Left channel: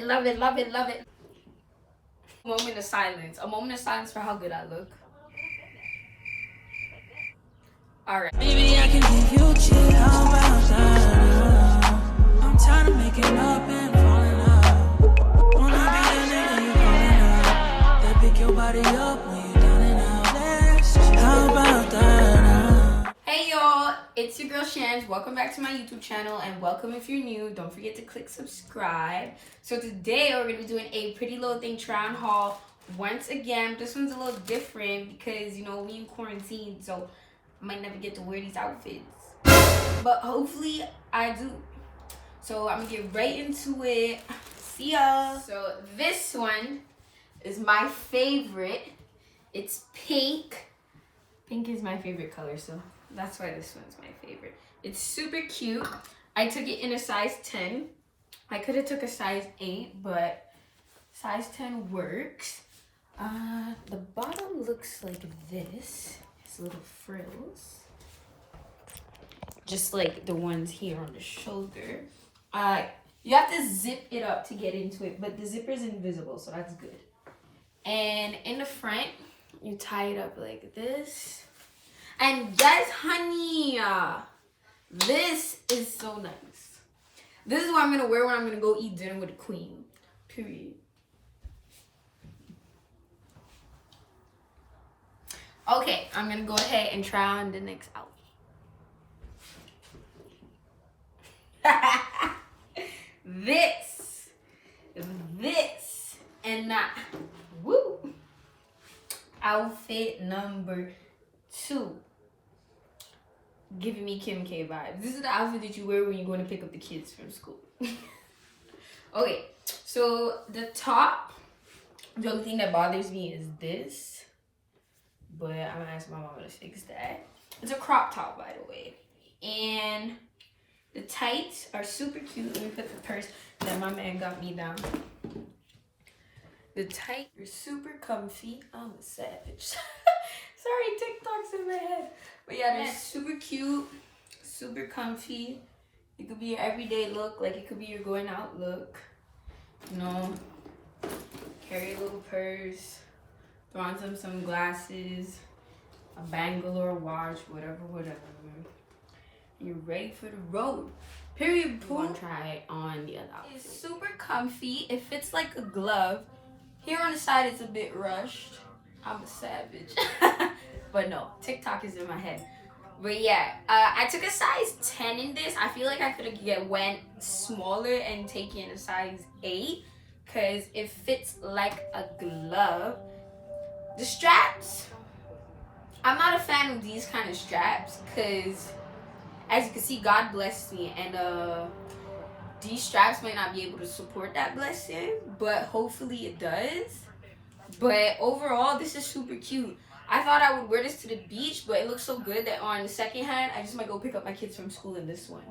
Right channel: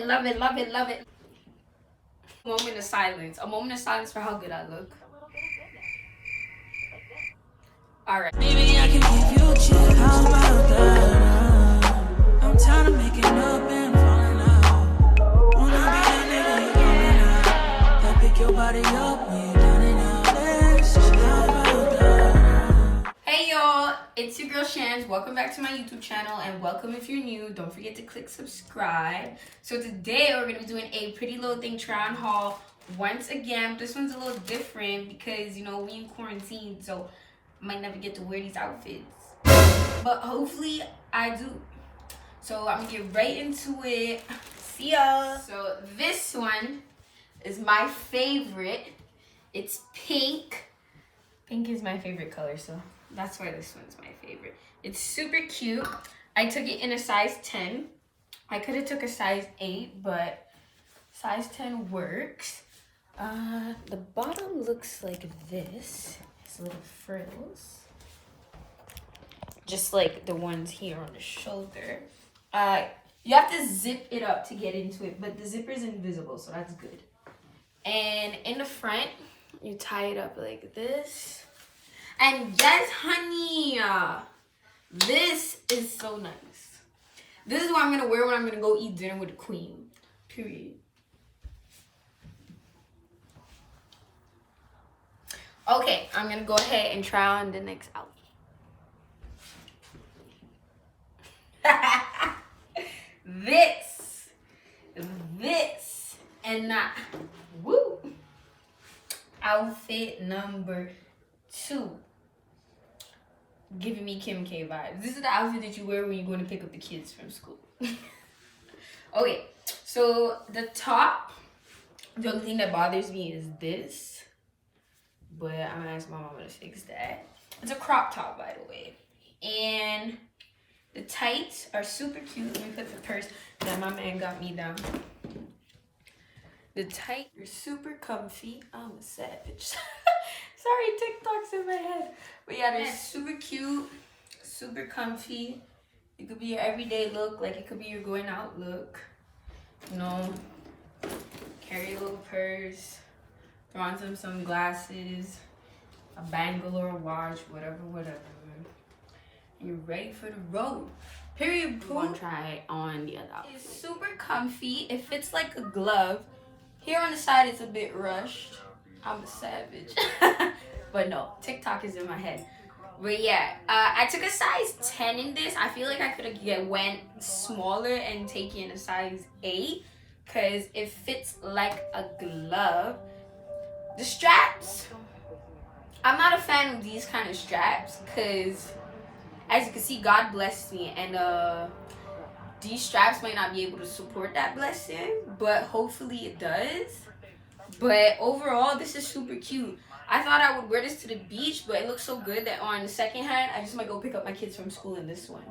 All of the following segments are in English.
Love it, love it, love it. Moment of silence. A moment of silence for how good I look. Alright. Maybe I can give you a chill. How about that? I'm tired of making up and falling out. Wanna be the nigga you calling out. That pick your body up when you're down and out. Let's chill. How about that? Hey y'all, it's your girl Shans. Welcome back to my YouTube channel, and welcome if you're new. Don't forget to click subscribe. So today we're gonna be doing a Pretty Little Thing try-on haul once again. This one's a little different because you know we in quarantine, so I might never get to wear these outfits, but hopefully I do. So I'm gonna get right into it. See ya. So this one is my favorite. It's pink. Pink is my favorite color, so that's why this one's my favorite. It's super cute. I took it in a size 10. I could have took a size 8, but size 10 works. The bottom looks like this. It's little frills. Just like the ones here on the shoulder. You have to zip it up to get into it, but the zipper is invisible, so that's good. And in the front, you tie it up like this. And yes, honey, this is so nice. This is what I'm gonna wear when I'm gonna go eat dinner with the queen. Period. Okay, I'm gonna go ahead and try on the next outfit. this, and that. Woo! Outfit number 2. Giving me Kim K vibes. This is the outfit that you wear when you're going to pick up the kids from school. Okay, so the top, the only thing that bothers me is this, but I'm gonna ask my mama to fix that. It's a crop top, by the way, and the tights are super cute. Let me put the purse that my man got me down. The tights are super comfy. I'm a savage. Sorry, TikTok's in my head. But yeah, they're super cute, super comfy. It could be your everyday look, like it could be your going out look. You know, carry a little purse, throw on some sunglasses, a bangle or a watch, whatever. You're ready for the road. Period. One try on the other outfit. It's super comfy. It fits like a glove. Here on the side, it's a bit rushed. I'm a savage. But no, TikTok is in my head. But yeah, I took a size 10 in this. I feel like I could have went smaller and taken a size 8 because it fits like a glove. The straps, I'm not a fan of these kind of straps because as you can see, God blessed me, and these straps might not be able to support that blessing, but hopefully it does. But overall, this is super cute. I thought I would wear this to the beach, but it looks so good that on the second hand, I just might go pick up my kids from school in this one.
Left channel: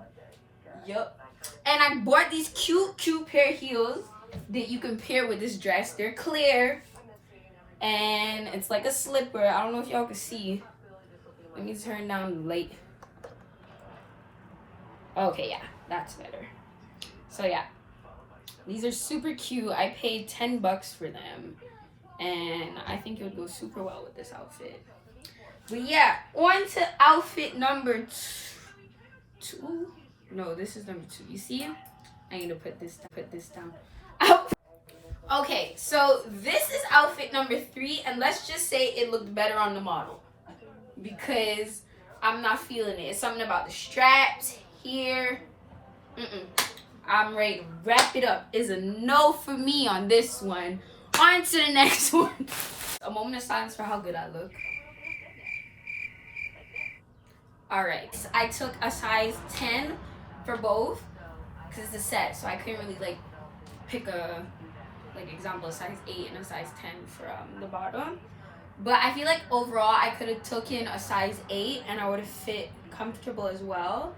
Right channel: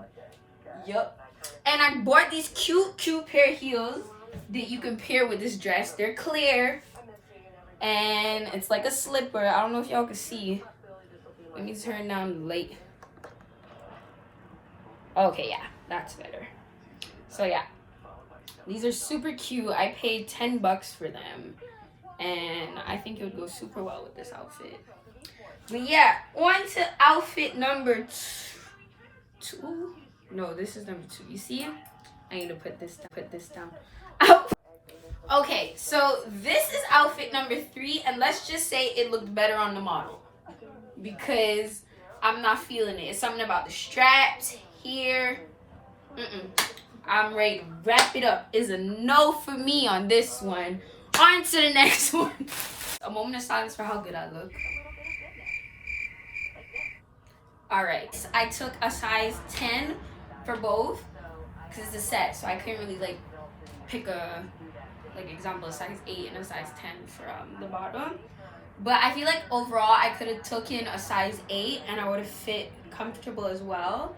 Yup. And I bought these cute pair of heels that you can pair with this dress. They're clear, and it's like a slipper. I don't know if y'all can see. Let me turn down the light. Okay, yeah, that's better. So yeah, these are super cute. I paid $10 for them, and I think it would go super well with this outfit. But yeah, on to outfit number 2. No, this is number 2. You see it? I need to put this down. Okay, so this is outfit number 3, and let's just say it looked better on the model because I'm not feeling it. It's something about the straps here. I'm ready to wrap it up. Is a no for me on this one. On to the next one. A moment of silence for how good I look. Alright, I took a size 10 for both because it's a set, so I couldn't really like pick a example a size 8 and a size 10 for the bottom. But I feel like overall I could have taken a size 8 and I would have fit comfortable as well.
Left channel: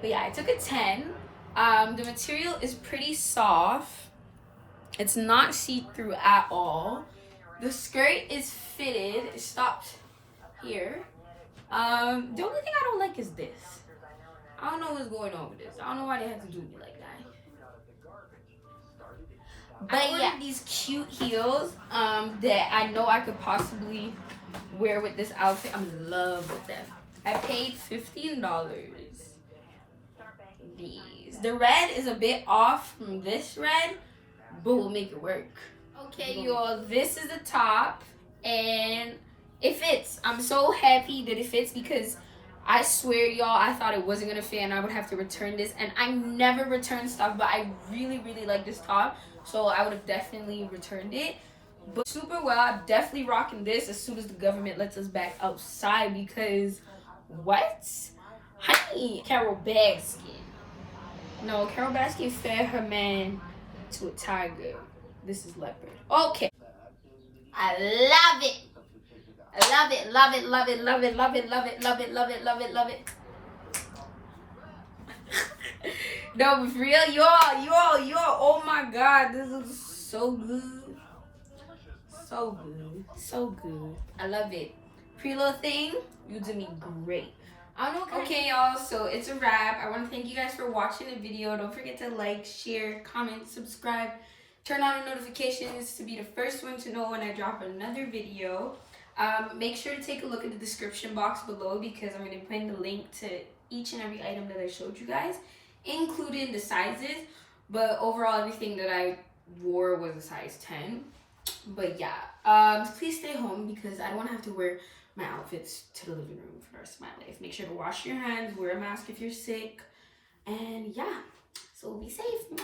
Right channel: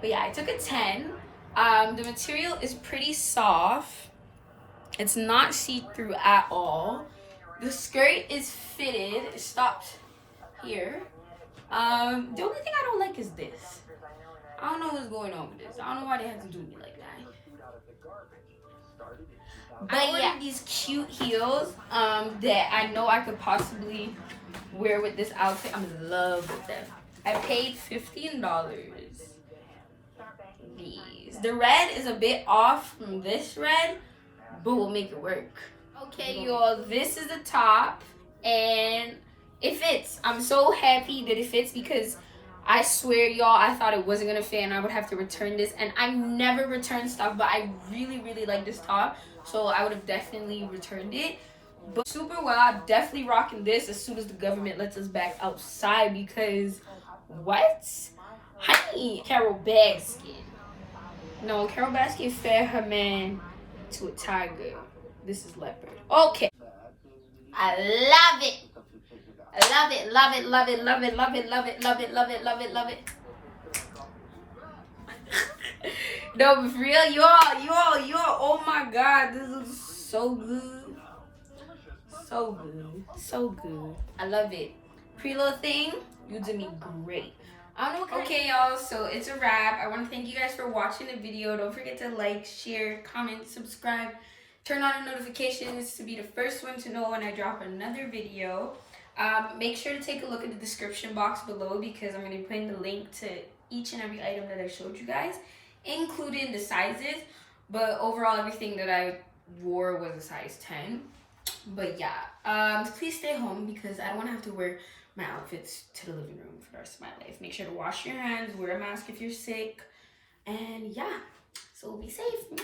But yeah, I took a 10. The material is pretty soft. It's not see-through at all. The skirt is fitted. It stops here. The only thing I don't like is this. I don't know what's going on with this. I don't know why they had to do me like that. But yeah, these cute heels that I know I could possibly wear with this outfit. I'm in love with them. I paid $15. These. The red is a bit off from this red, but we'll make it work. Okay, y'all, this is the top, and it fits. I'm so happy that it fits because I swear, y'all, I thought it wasn't gonna fit and I would have to return this, and I never return stuff, but I really, really like this top, so I would have definitely returned it. But super well, I'm definitely rocking this as soon as the government lets us back outside because, what? Honey, Carol Baskin. No, Carol Baskin fed her man to a tiger. This is Leopard. Okay. I love it. I love it, love it, love it, love it, love it, love it, love it, love it, love it, love it. No, but for real, y'all, oh my God, this is so good. So good, so good. I love it. Prettylittlething, you did me great. I don't know. Okay, y'all, so it's a wrap. I want to thank you guys for watching the video. Don't forget to like, share, comment, subscribe. Turn on the notifications to be the first one to know when I drop another video. Make sure to take a look at the description box below because I'm going to be putting the link to each and every item that I showed you guys, including the sizes. But overall, everything that I wore was a size 10. But yeah, please stay home because I don't want to have to wear my outfits to the living room for the rest of my life. Make sure to wash your hands, wear a mask if you're sick, and yeah, so be safe.